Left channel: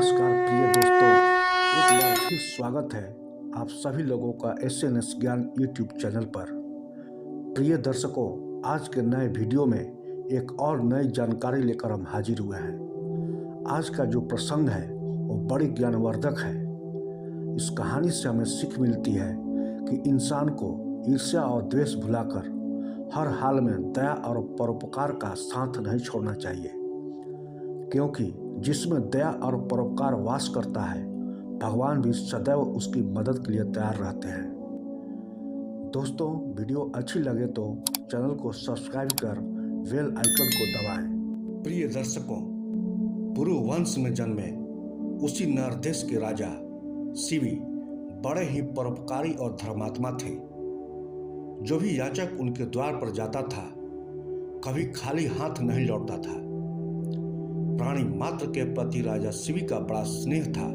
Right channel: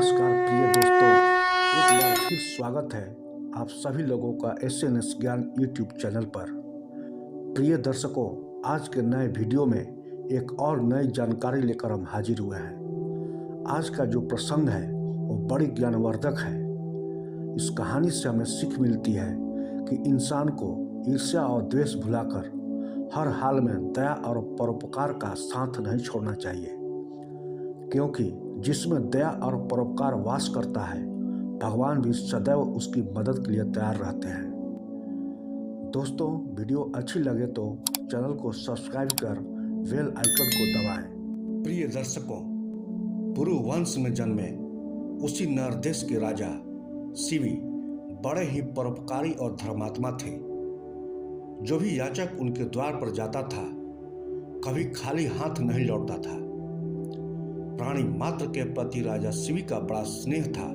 नमस्कार प्रिय दोस्तों, एक बार फिर स्वागत है आप सभी लोगों का एसएनएस ज्ञान यूट्यूब चैनल पर। प्रिय दर्शकों, आज के नए वीडियो में एक और नई जानकारी लेकर हम हाजिर हुए हैं। आज का जो प्रसंग है वो बड़ी ज्ञानवर्धक है। इस कहानी से हमें सीख मिलती है कि इंसान को ईर्ष्या और द्वेष भुलाकर हर हाल में दया और परोपकार का साथ नहीं छोड़ना चाहिए, क्योंकि जिसमें दया और परोपकार वास करता है, भगवान भी सदैव उसकी मदद के लिए तैयार रहते हैं। दोस्तों, वीडियो अच्छी लगे तो चैनल को सब्सक्राइब कर बेल आइकन को दबाएं। प्रिय दर्शकों, पुरु वंश में जन्मे उसी नरदेश के राजा शिवी बड़े ही परोपकारी और धर्मात्मा थे। जो भी याचक उनके द्वार पर जाता था, कभी खाली हाथ नहीं लौटता था। प्राणी मात्र के प्रति राजा शिवी का बड़ा स्नेह था,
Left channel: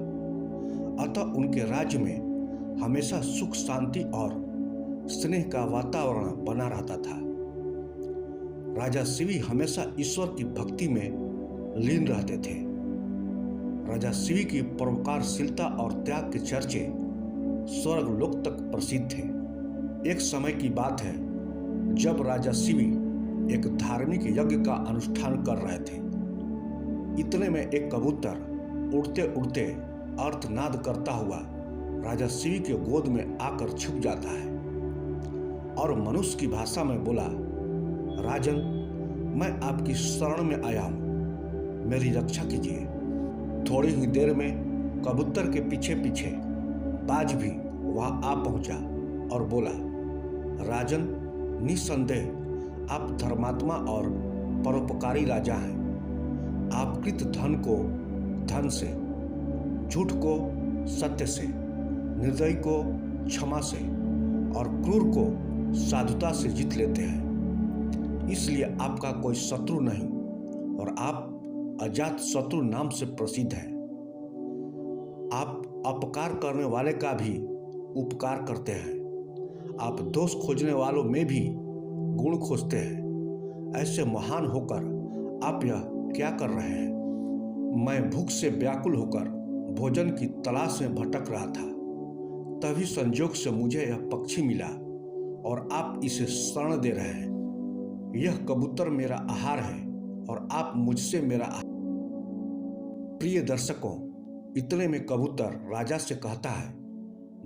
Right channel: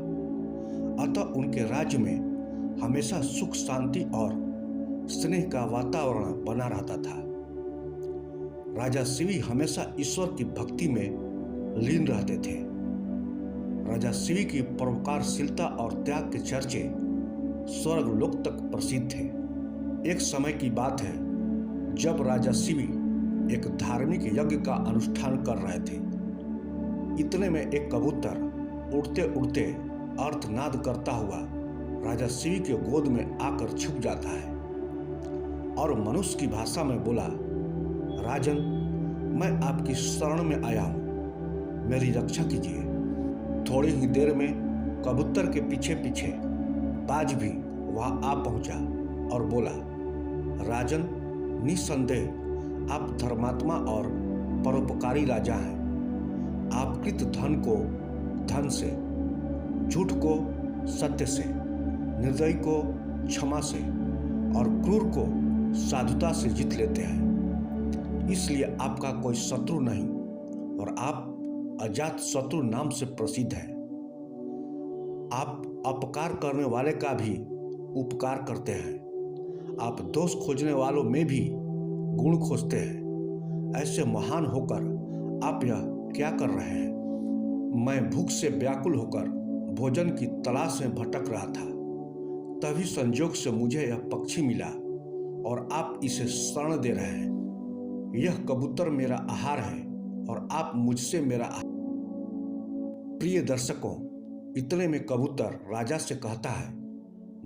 अतः उनके राज्य में हमेशा सुख शांति और स्नेह का वातावरण बना रहता था। राजा शिवी हमेशा ईश्वर की भक्ति में लीन रहते थे। राजा शिवी की परोपकारशीलता और त्याग के चर्चे स्वर्गलोक तक प्रसिद्ध थे। एक समय की बात है जब राजा शिवी एक धार्मिक यज्ञ का अनुष्ठान कर रहे थे। इतने में एक कबूतर उड़ते उड़ते अर्थनाद करता हुआ राजा शिवी के गोद में आकर छुप जाता है और मनुष्य की भाषा में बोला, राजन, मैं आपकी शरण में आया हूँ, मेरी रक्षा कीजिए। थोड़ी ही देर में कबूतर के पीछे पीछे बाज भी वहां आ पहुंचा और बोला, राजन, निस्संदेह आप धर्मात्मा और परोपकारी राजा हैं। आप कृत धन को धन से, झूठ को सत्य से, निर्दयी को क्षमा से और क्रूर को साधुता से जीत लेते हैं। इसलिए आपका कोई शत्रु नहीं और आप अजात शत्रु नाम से प्रसिद्ध हैं। आप अपकार करने वाले का भी उपकार करते हैं। आप दोष खोजने वालों में भी गुण खोजते हैं। ऐसे महान होकर आप यह क्या कर रहे हैं? मैं भूख से व्याकुल होकर भोजन की तलाश में भटक रहा था, तभी संजोग से मुझे यह पक्षी मिला और आप इसे शरण दे रहे हैं। यह कबूतर मेरा आहार है और आप मुझसे मेरा आहार। प्रिय दर्शकों, इतने में कबूतर राजा से कहता है,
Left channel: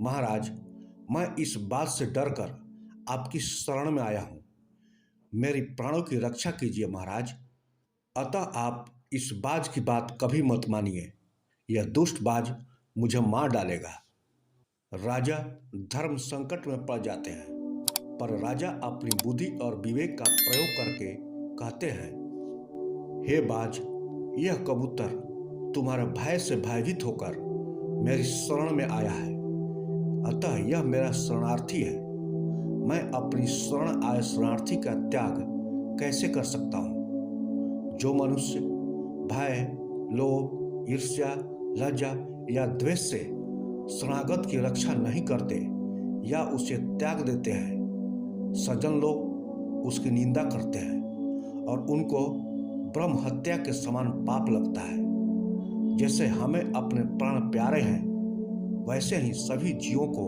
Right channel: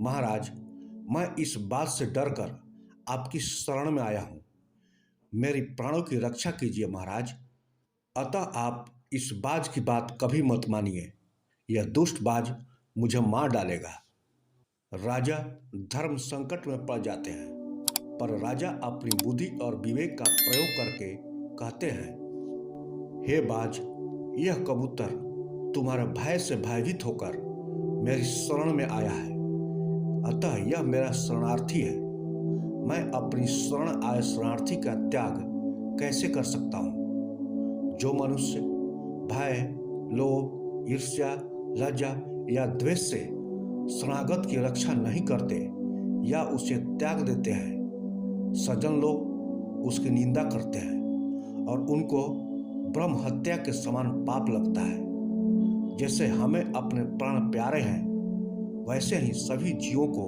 महाराज, मैं इस बात से डरकर आपकी शरण में आया हूँ, मेरी प्राणों की रक्षा कीजिए महाराज। अतः आप इस बाज की बात कभी मत मानिए, यह दुष्ट बाज मुझे मार डालेगा। राजा धर्म संकट में पड़ जाते हैं, पर राजा अपनी बुद्धि और विवेक का प्रयोग करके कहते हैं, हे बाज, यह कबूतर तुम्हारे भय से भयभीत होकर मेरी शरण में आया है, अतः यह मेरा शरणार्थी है। मैं अपनी शरण आए शरणार्थी का त्याग कैसे कर सकता हूँ? जो मनुष्य भय, लोभ, ईर्ष्या, लज्जा या द्वेष से शरणागत की रक्षा नहीं करते या उसे त्याग देते हैं, सज्जन लोग उसकी निंदा करते हैं और उनको ब्रह्म हत्या के समान पाप लगता है। जैसे हमें अपने प्राण प्यारे हैं, वैसे ही सभी जीवों को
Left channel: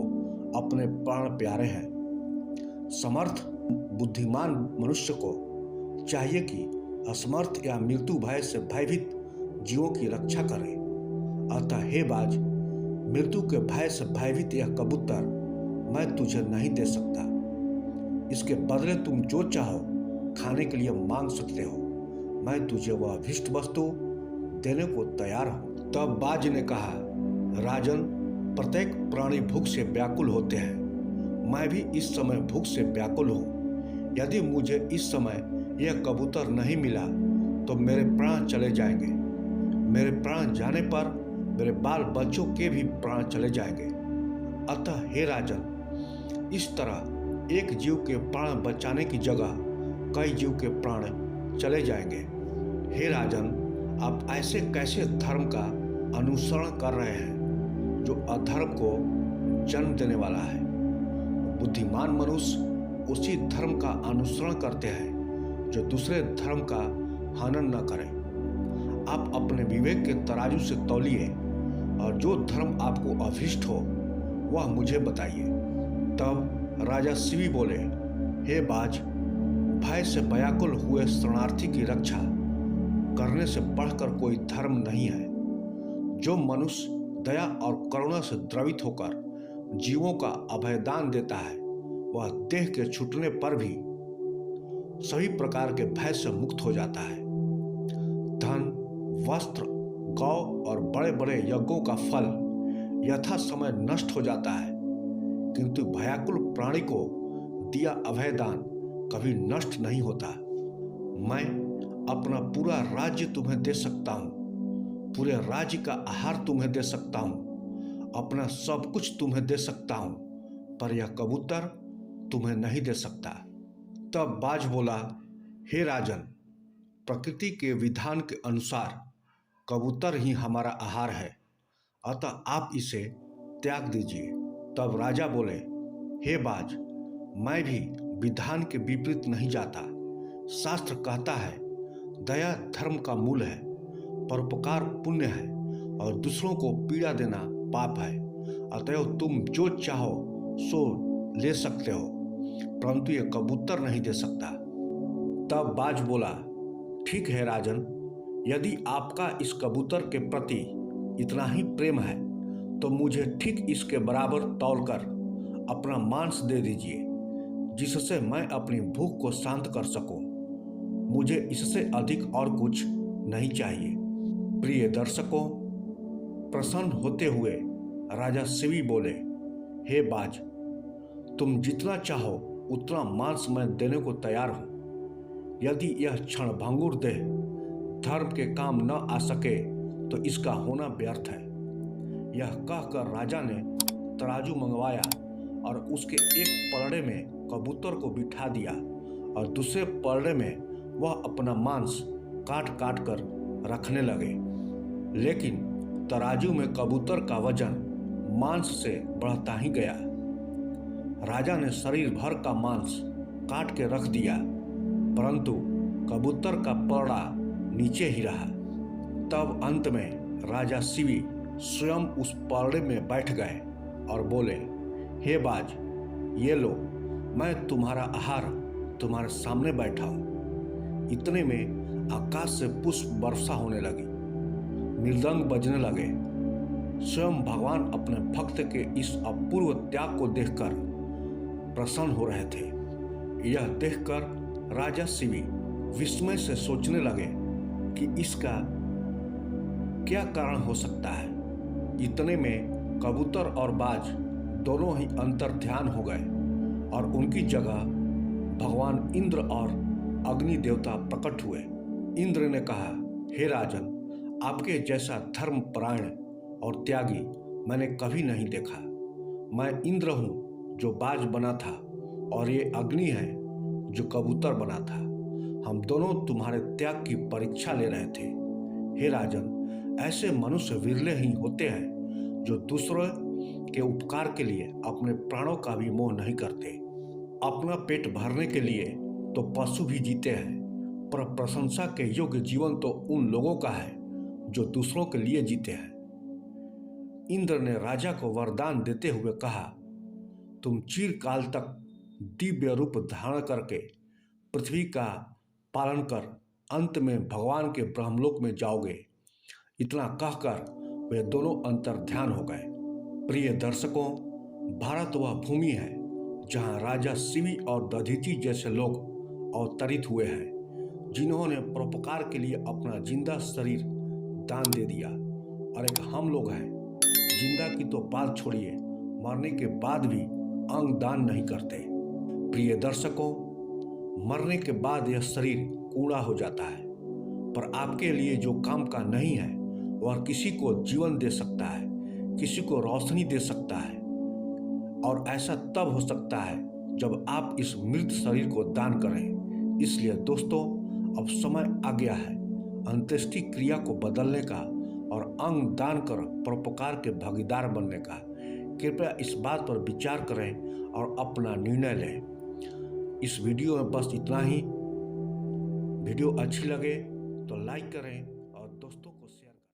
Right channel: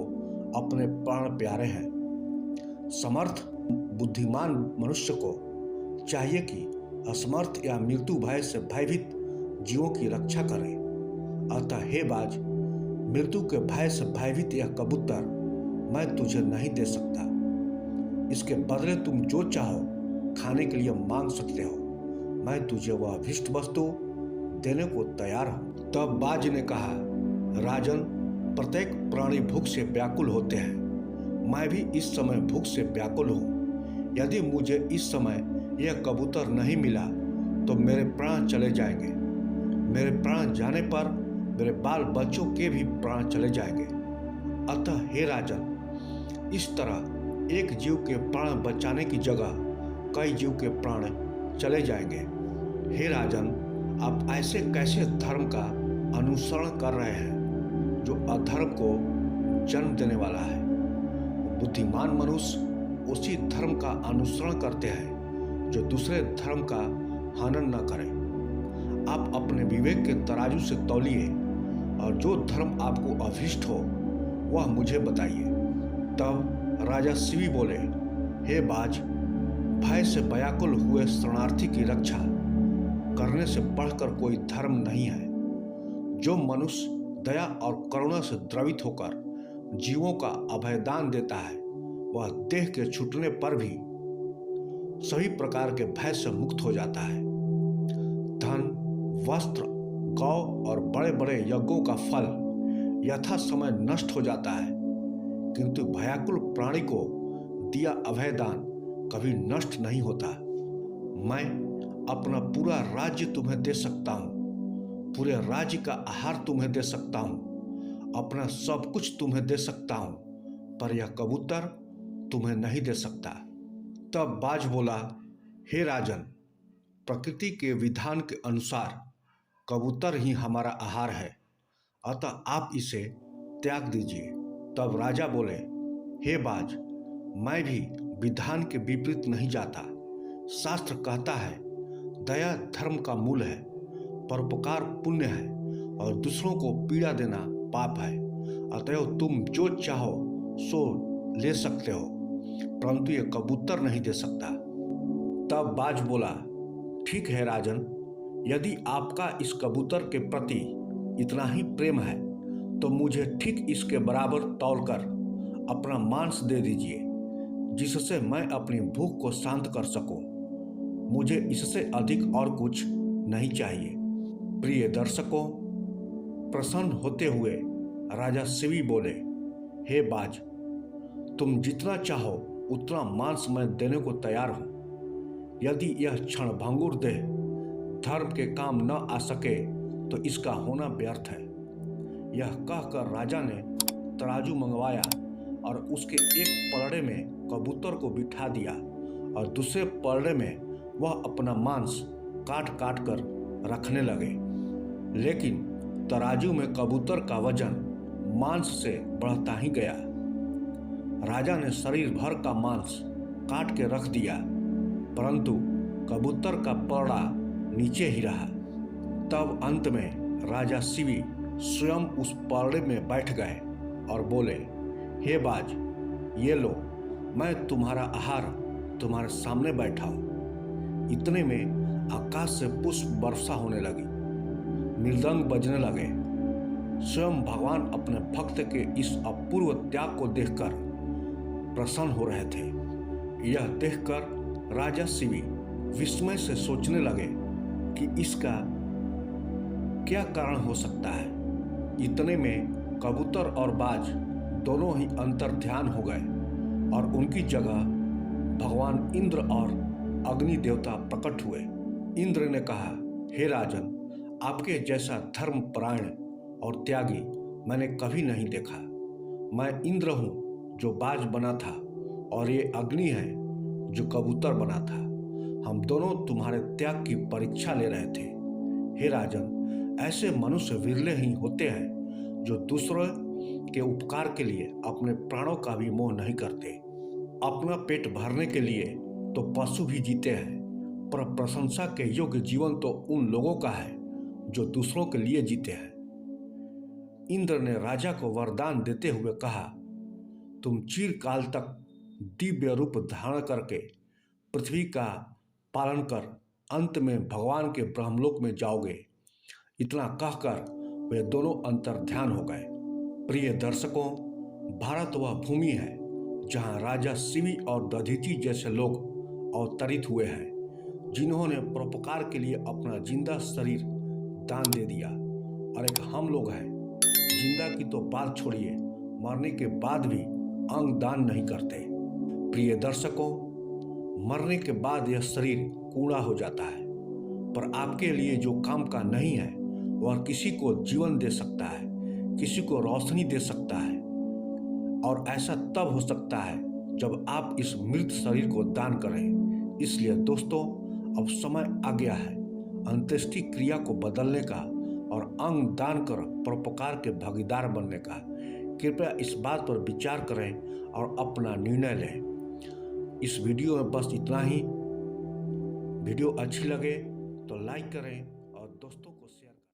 अपने प्राण प्यारे हैं। समर्थ बुद्धिमान मनुष्य को चाहिए कि असमर्थ या मृत्यु भय से भयभीत जीवों की रक्षा करें। अतः हे बाज, मृत्यु के भय से भयभीत यह कबूतर मैं तुझे नहीं दे सकता। इसके बदले तुम जो चाहो खाने के लिए मांग सकते हो। मैं तुझे वह अभीष्ट वस्तु देने को तैयार हूँ। तब बाज ने कहा, राजन, प्रत्येक प्राणी भूख से व्याकुल होते हैं। मैं भी इस समय भूख से व्याकुल हूँ। यदि मुझे इस समय यह कबूतर नहीं मिला तो मेरे प्राण चले जाएंगे। मेरे प्राण जाने पर मेरे बाल बच्चों के भी प्राण चले जाएंगे। अतः हे राजन, इस तरह एक जीव के प्राण बचाने की जगह कई जीव के प्राण चले जाएंगे। हे राजन, आप ऐसे कैसे धर्म का अनुसरण कर रहे हैं जो अधर्म को जन्म देने वाला है? बुद्धिमान मनुष्य उसी धर्म का अनुसरण करते हैं जो दूसरे धर्म का हनन न करे। आप अपने विवेक के तराजू से तौलिए और जो धर्म आपको अभिष्ट हो वह मुझे बताइए। तब राजा शिवी बोले, हे बाज, भय से व्याकुल हुए शरणार्थी की रक्षा करने से बढ़कर कोई धर्म नहीं है। जो मनुष्य दया और करुणा से द्रवित होकर जीवों का अभयदान देता है वह देह के छूटने पर भी सभी प्रकार के भय से मुक्त हो जाता है। धन, वस्त्र, गौ और बड़े बड़े यज्ञों का फल यथा समय नष्ट हो जाता है, किंतु भयाकुल प्राणी को दिया अभयदान कभी नष्ट नहीं होता। मैं अपना पूरा राज्य तुम्हें दे सकता हूँ, पूरे राज्य का आहार तुम्हें दे सकता हूँ, अपना सब कुछ तुम्हें दे सकता हूँ, पर यह कबूतर तुम्हें नहीं दे सकता। तब बाज बोला, हे राजन, प्रकृति के विधान के अनुसार कबूतर ही हमारा आहार है, अतः आप इसे त्याग दीजिए। तब राजा बोले, हे बाज, मैं भी विधान के विपरीत नहीं जाता। शास्त्र कहता है, दया धर्म का मूल है, परोपकार पुण्य है और दूसरों को पीड़ा देना पाप है। अतएव तुम जो चाहो सो ले सकते हो, परंतु ये कबूतर नहीं दे सकता। तब बाज बोला, ठीक है राजन, यदि आपका इस कबूतर के प्रति इतना ही प्रेम है तो मुझे ठीक इसके बराबर तौलकर अपना मांस दे दीजिए, जिससे मैं अपनी भूख को शांत कर सकूं। मुझे इससे अधिक और कुछ नहीं चाहिए। प्रिय दर्शकों, प्रसन्न होते हुए राजा शिवी बोले, हे बाज, तुम जितना चाहो उतना मांस मैं देने को तैयार हूं। यदि यह क्षणभंगुर देह धर्म के काम न आ सके तो इसका होना व्यर्थ है। यह कहकर राजा ने तराजू मंगवाया और उसके एक पलड़े में कबूतर को बिठा दिया और दूसरे पलड़े में वह अपना मांस काट काट कर रखने लगे। लेकिन तराजू में कबूतर का वजन मांस से बढ़ता ही गया। राजा ने शरीर भर का मांस काट के रख दिया, परंतु कबूतर का पलड़ा नीचे ही रहा। तब अंत में राजा शिवी स्वयं उस पलड़े में बैठ गए और बोले, हे बाज, ये लो, मैं तुम्हारा आहार तुम्हारे सामने बैठा हूं। इतने में आकाश से पुष्प वर्षा होने लगी, मृदंग बजने लगे। स्वयं भगवान अपने भक्त के इस अपूर्व त्याग को देखकर प्रसन्न हो रहे थे। यह देखकर राजा शिवी विस्मय से सोचने लगे कि इसका क्या कारण हो सकता है। इतने में कबूतर और बाज दोनों ही अंतर्ध्यान हो गए और उनकी जगह भगवान इंद्र और अग्नि देवता प्रकट हुए। इंद्र ने कहा, हे राजन, आपके जैसा धर्मपरायण और त्यागी मैंने कभी नहीं देखा। मैं इंद्र हूँ जो बाज बना था और ये अग्नि है जो कबूतर बना था। हम दोनों तुम्हारे त्याग की परीक्षा ले रहे थे। हे राजन, ऐसे मनुष्य विरले ही होते हैं जो दूसरों के उपकार के लिए अपने प्राणों का भी मोह नहीं करते। अपना पेट भरने के लिए तो पशु भी जीते हैं, पर प्रशंसा के योग्य जीवन तो उन लोगों का है जो दूसरों के लिए जीते हैं। इंद्र ने राजा को वरदान देते हुए कहा, तुम चिरकाल तक दिव्य रूप धारण करके पृथ्वी का पालन कर अंत में भगवान के ब्रह्मलोक में जाओगे। इतना कहकर वे दोनों अंतर्ध्यान हो गए। प्रिय दर्शकों, भारत वह भूमि है जहां राजा शिवी और दधीचि जैसे लोग अवतरित हुए हैं, जिन्होंने परोपकार के लिए अपना जिंदा शरीर दान दे दिया। और एक हम लोग हैं, जिंदा की तो बात छोड़िए, मरने के बाद भी अंग दान नहीं करते। प्रिय दर्शकों, मरने के बाद यह शरीर कूड़ा हो जाता है, पर आपके लिए जो काम का नहीं है वह किसी को जीवन दे सकता है, किसी को रोशनी दे सकता है। और ऐसा तब हो सकता है जब आप इस मृत शरीर को दान करें। इसलिए दोस्तों, अब समय आ गया है अंत्येष्टि क्रिया को बदलने का और अंग दान कर परोपकार के भागीदार बनने का। कृपया इस बात पर विचार करें और अपना निर्णय लें। इस वीडियो में बस इतना ही। वीडियो अच्छी लगे तो लाइक करें और दोस्तों को शेयर करें।